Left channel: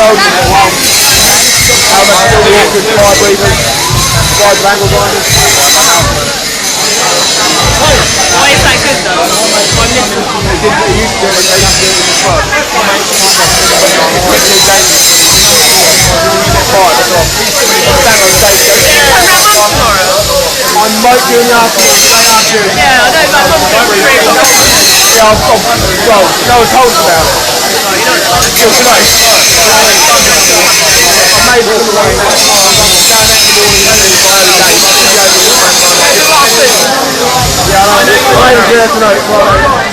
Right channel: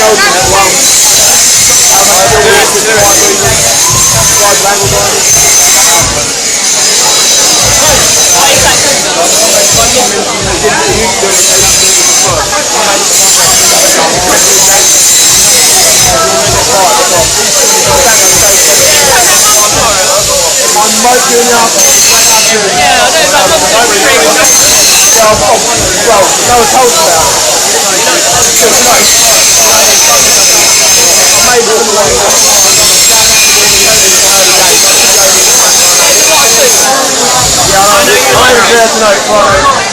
world is one. How much do we have with five reasons? Five language on it. Why is that good though? They used to do it, they used to do it before. I might be in the afternoon. Yeah, I know, my mum said 3 o'clock. Yeah, I was told about it. No, you know it's like. Maybe There's a lot of food. yeah, I know. I'm aiming there tonight, Friday.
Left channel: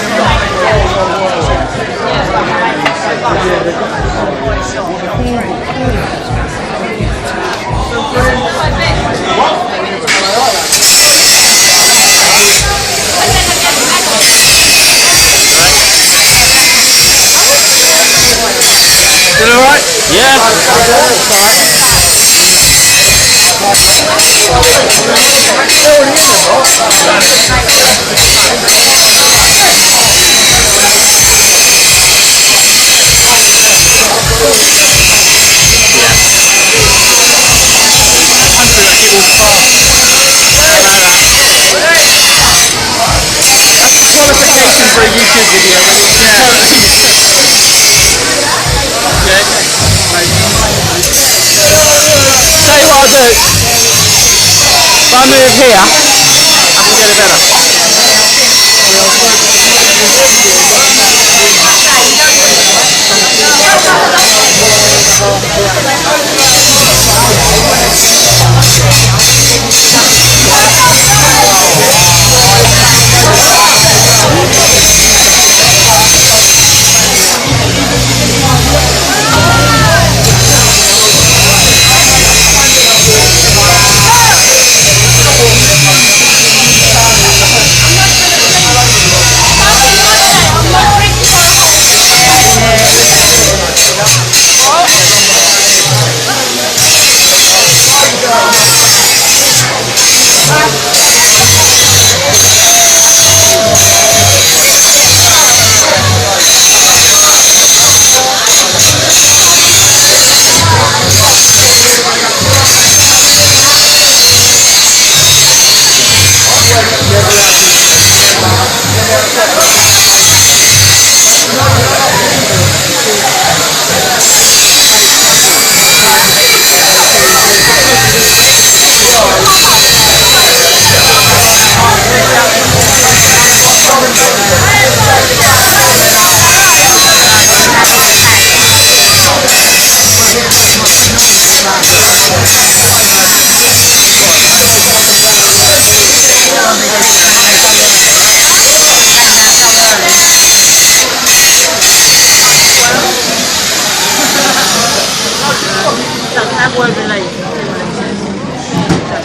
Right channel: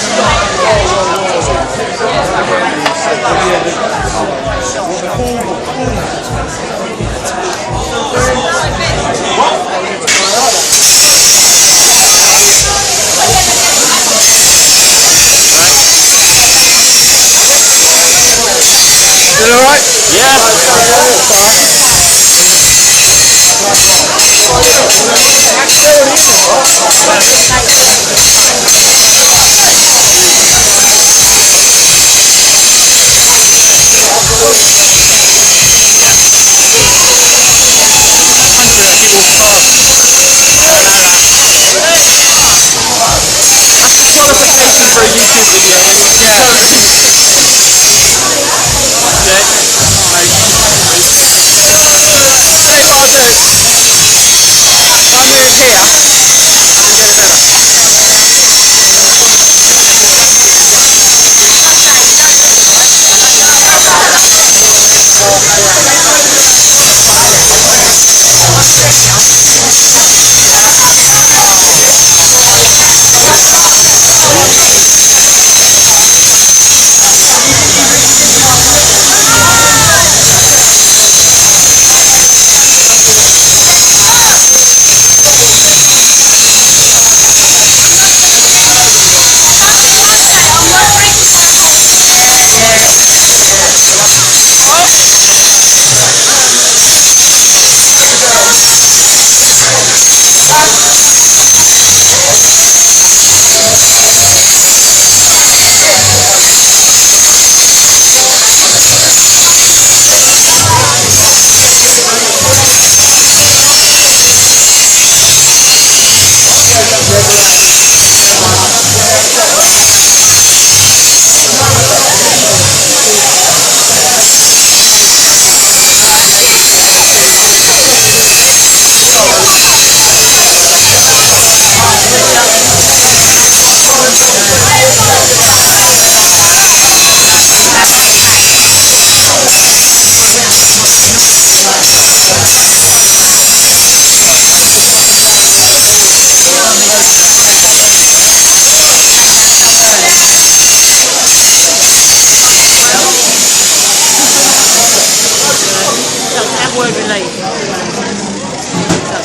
You alright? Yeah. That's the qualification for a YouTube video when you totally. Okay. Tell you what I'll do. If I move here, I can get it better.